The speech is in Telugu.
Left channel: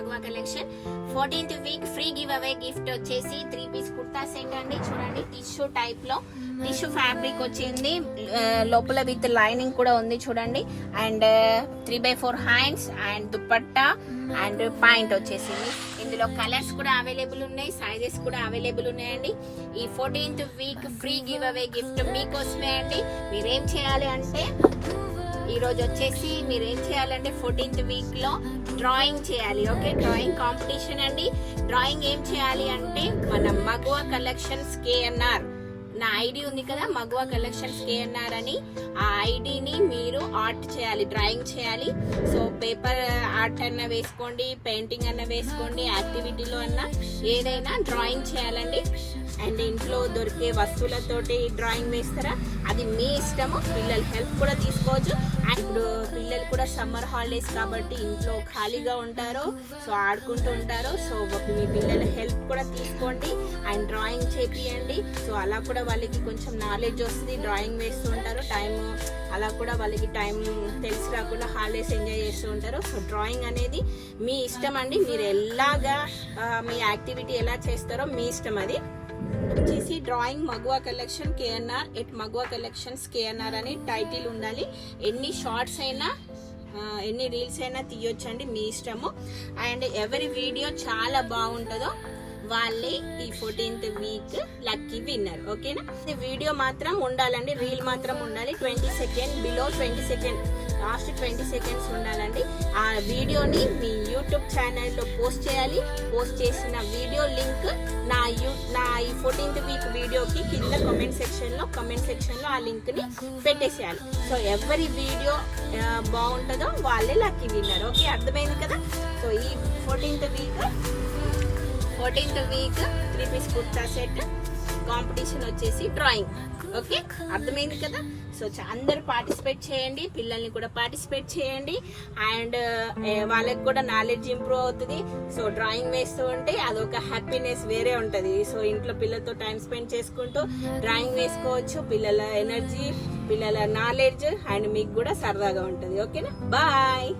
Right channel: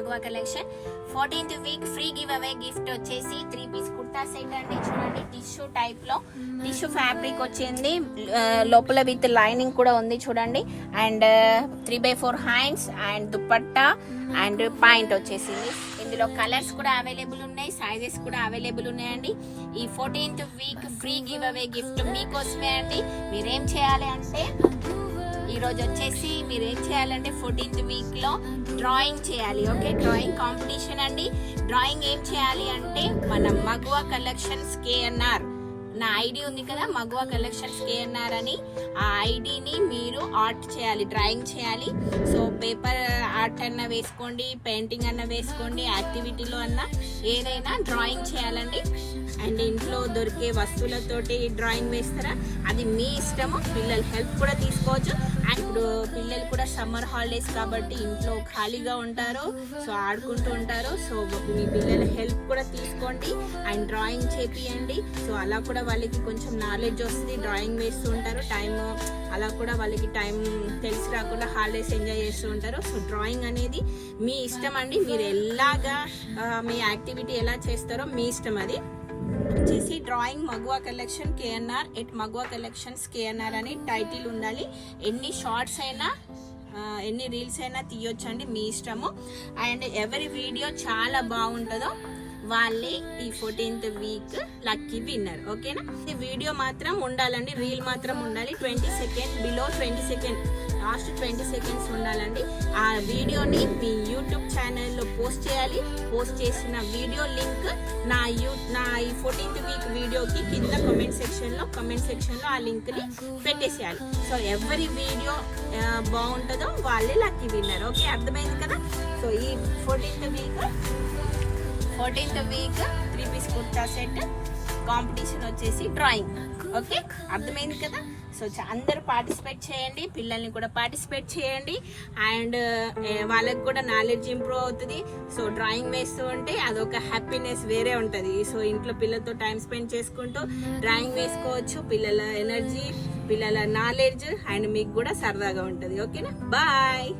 మగువా collection 14th week free give away gift వచ్చేసి 3-piece కుర్తా సెట్ అండి. చూడండి టిష్యూ టైప్ లో టిష్యూ ఫ్యాబ్రిక్ వచ్చింది, లోపల విత్ లైనింగ్ కూడా ఉంది చూడండి. And 3/4 hands and dupatta and point వచ్చేసింది. ఇందులో కలర్స్ కూడా అవైలబుల్ ఉన్నాయి, సైజెస్ కూడా అవైలబుల్ ఉన్నాయండి. ఈ 14th week free give away gift మీకోసమే అండి. మీరేం చేయాలి అంటే ఈ రోజు వచ్చేసి మీరు ఏం చేయాలంటే 14th వీక్ లో డ్రాయింగ్ చేయాలి. ఓకే, డ్రాయింగ్ కాంపిటీషన్ అండి. డ్రాయింగ్ ఏం చేయాలి అంటే మన మగువా కలెక్షన్స్ KNR నా ఐడి ఉంది కదా, మగువా కలెక్షన్స్ KNR అని, ఆ ఐడిని మీరు ఆర్ట్ చేయాలి, డ్రాయింగ్ చేయాలి. సో పేపర్ ఆర్ట్ అన్న వేసుకోండి, పెయింటింగ్ అన్న వేసుకోండి, యాక్టివిటీలో అన్న ఏదైనా డ్రాయింగ్ చేయాలండి. అండ్ ఇంట్లో దొరికే వస్తువులతోటి డ్రాయింగ్ వేస్తారా, అది మీ ఇష్టము. పిల్లల హెల్ప్ కూడా తీసుకోవచ్చు. అండ్ ఇప్పుడు పిల్లలు కూడా సమ్మర్ హాలిడేస్ కాబట్టి ఇంట్లో ఖాళీగా ఉంటారు, సో ఆడుకుంటూ ఉంటారు. సో మీ పిల్లల హెల్ప్ కూడా తీసుకోండి అండ్ డ్రాయింగ్ చేపియండి. సో అలా కూడా వాళ్ళకి కొంచెం నాలెడ్జ్ వస్తుంది, డ్రాయింగ్ వేస్తూ ఉంటారు. టైం అలా కూడా వాళ్ళకి టైం తెలిసి రాకుండా హాలిడేస్ ఎంజాయ్ చేస్తూ ఉంటారు. సో డ్రాయింగ్ అనేది మీ ఇష్టం అండి. మీరు ఎలాగా మీ యాక్టివిటీ ఎలా చేస్తారో మీ ఇష్టం. అది వచ్చేసి డ్రాయింగ్ మగువా కలెక్షన్ KNR ఎట్ మగువా కలెక్షన్స్ KNR అని టైటిల్ ఉండాలి. ఎన్ని షార్ట్స్ అయినా ఎన్ని రీల్స్ అయినా తీయొచ్చండి, మీ ఇష్టము. అండ్ ఎవరి వీడియో చాలా బాగుంటుందో వాళ్ళే ఈ 14th వీక్ లక్కీ విన్నర్. ఓకేనా, వీడియో మాత్రం ఉండాలండి, రీల్ మాత్రం ఉండాలి. 20 second below 20 second last 20 seconds ఉండాలండి. ఆ వీడియోని మీ యూట్యూబ్ ఛానల్లో పోస్ట్ చేయాలి. పోస్ట్ చేసిన వీడియో లింక్ నా ఈ 14th వీక్ వీడియోకి కింద కామెంట్ సెక్షన్లో ఆ లింక్ని పెట్టేసేయాలి. సో ఎవరి వీడియో బాగుంటుందో వాళ్ళే లక్కీ విన్నర్. ఓకే, అర్థమైంది కదా. సో ఈ 14th week 3-piece kurta set competition వచ్చేసి డ్రాయింగ్. ఓకే, అర్థమైంది కదా. సో అందరు పార్టిసిపేట్ చేయండి, పిల్లల్ని కూడా పార్టిసిపేట్ చేయండి. అండ్ వాళ్ళకి కూడా నాలెడ్జ్ ఇంప్రూవ్ అవుతుంది. సో డ్రాయింగ్ వేస్తూ ఉంటే అదొక హ్యాపీనెస్ వేరే ఉంటుంది. సో ఇంట్లో పిల్లలతో టైం స్పెండ్ చేసుకుంటూ డ్రాయింగ్ వేసుకోవచ్చు. పిల్లల ఎనర్జీ, పిల్లల నాలెడ్జ్ అండ్ మీకు కూడా సరదాగా ఉంటుంది. ఓకేనా, బాయ్.